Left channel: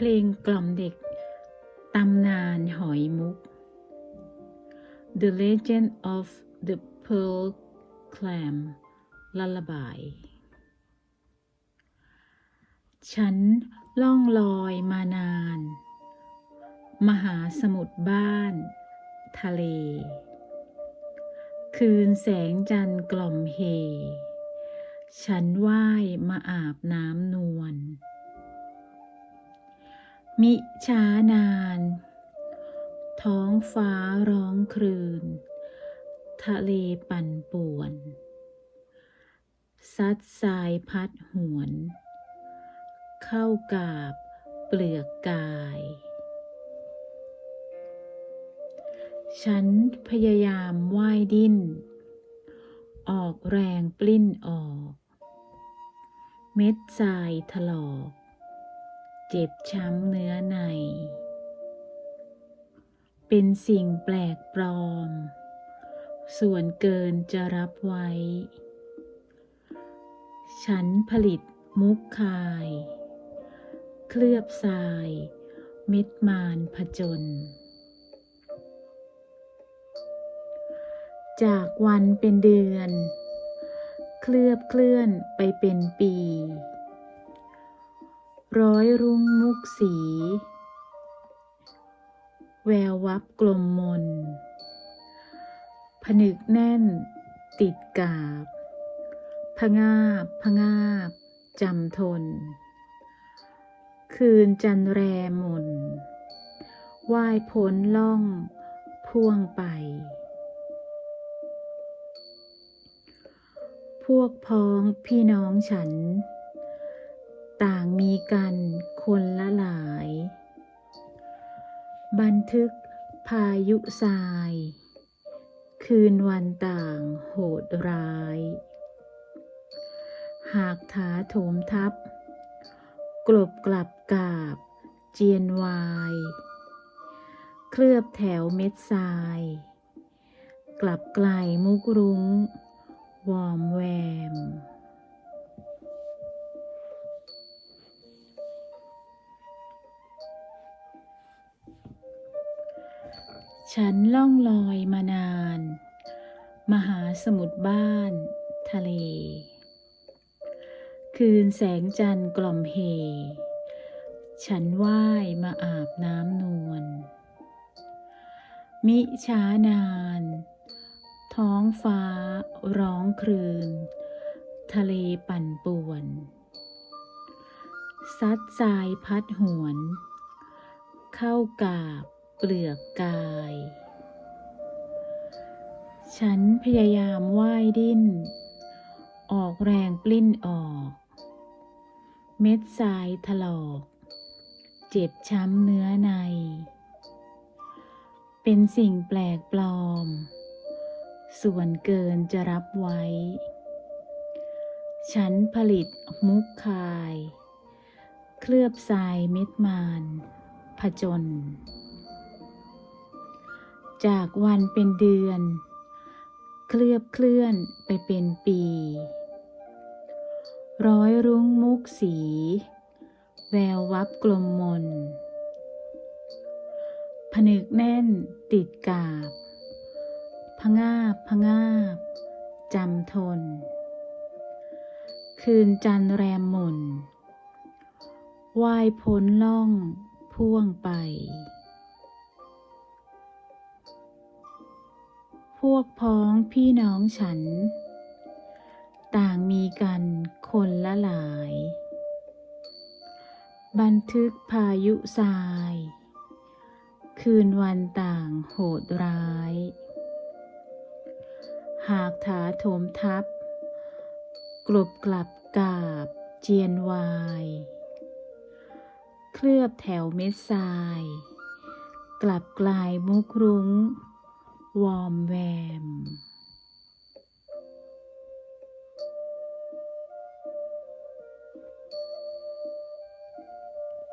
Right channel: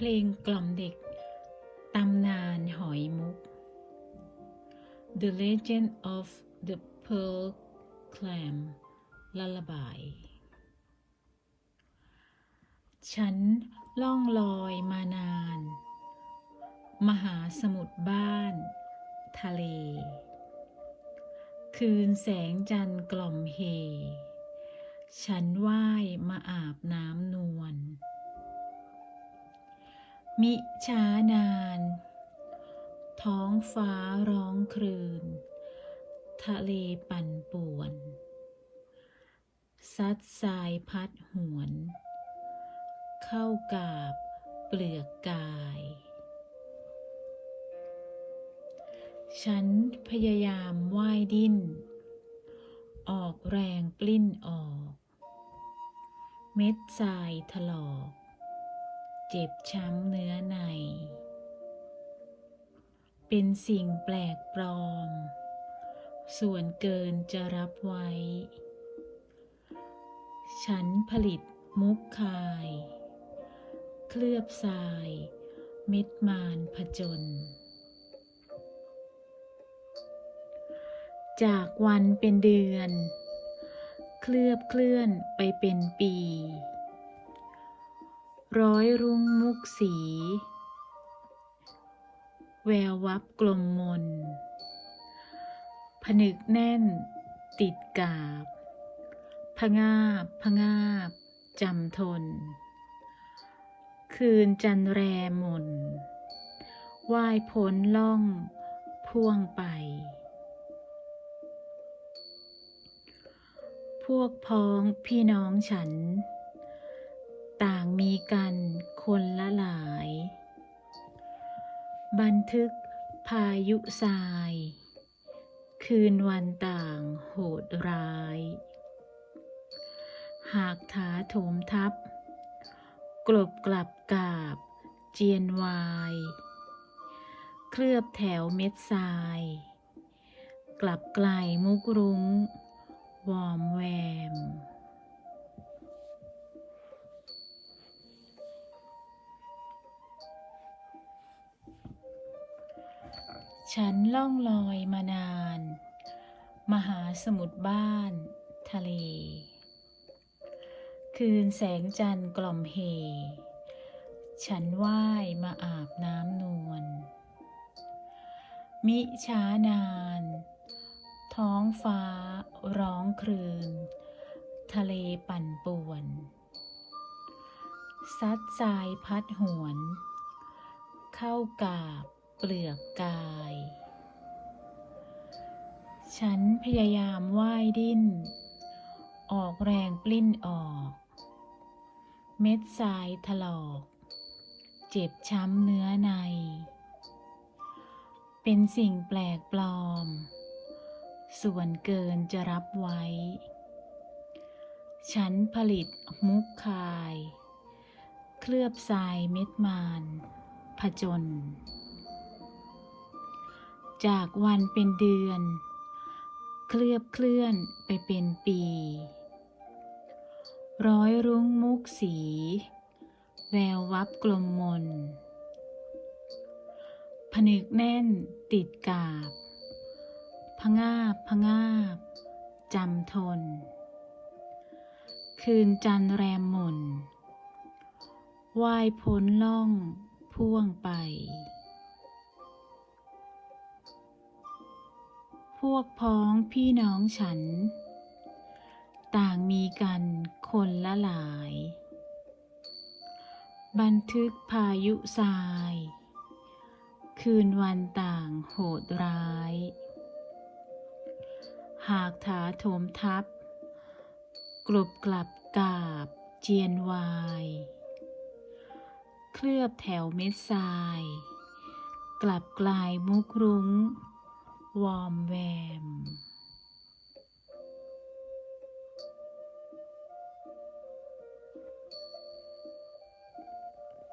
เพลงกล่อมเด็ก ตำนานหอยมุก The Legend of the Pearl Clam Lullaby ฉันล่องลอยมานาน มหาสมุทรบ้าน ทะเล คืนแสงจันทร์กล่อมเฮ ฉันว่ายมาอาบน้ำนวล มิช้านาน ท้องฟ้าร้องครืน ทะเลปั่นป่วน ซัดทรายพัดหวน เข้ากาบเปลือกกาย ฉันพยายามว่ายดิ้น ออกแรงปลิ้นออก เม็ดทรายถลอก เจ็บช้ำเนื้อใน เป็นสิ่งแปลกปลอม ส่วนเกินจะรับไว้ ฉันผลิตมุกคาย เคลือบทราย เม็ดมานผจญจากวันเป็นเดือน เคลือบเคลื่อนไปเป็นปี ร้อยรุ่งมุกสี แวววับกลมมน ผนึกแน่น ติดกาบ พงาบพงาบจำทน คืนจันแรมนว่ายพ้นล่องพ่วงไป พวกพ้องพี่น้องฉัน กันคนละหลาย บันทึกพายุทราย คืนวันต่างโหดร้าย หากถาโถมทับ กลบกลับกาบเจียนวาย เคลือบแถวเม็ดทราย กลับไกลมุกรุ้ง วอมแวม ฉันล่องลอยมานาน มหาสมุทรบ้าน ทะเล คืนแสงจันทร์กล่อมเฮ ฉันว่ายมาอาบน้ำนวล มิช้านาน ท้องฟ้าร้องครืน ทะเลปั่นป่วน ซัดทรายพัดหวน เข้ากาบ เปลือกกาย ฉันพยายามว่ายดิ้น ออกแรงปลิ้นออก เม็ดทรายถลอก เจ็บช้ำเนื้อใน เป็นสิ่งแปลกปลอม ส่วนเกินจะรับไว้ ฉันผลิตมุกคาย เคลือบทรายเม็ดมานผจญ จากวันเป็นเดือน เคลือบเคลื่อนไปเป็นปี ร้อยรุ้งมุกสี แวววับกลมมน ผนึกแน่นติดกาบ พงาบพงาบจำทน คืนจันแรมหม่นว่ายพ้นล่องพ่วงไป พวกพ้องพี่น้องฉัน ต่างมีกันคนละหลาย บันทึกพายุทราย คืนวันต่างโหดร้าย หากถาโถมทับ กลบกลับกาบเจียนวาย เคลือบแถวเม็ดทราย กลับกลายมุกรุ้ง วอมแวม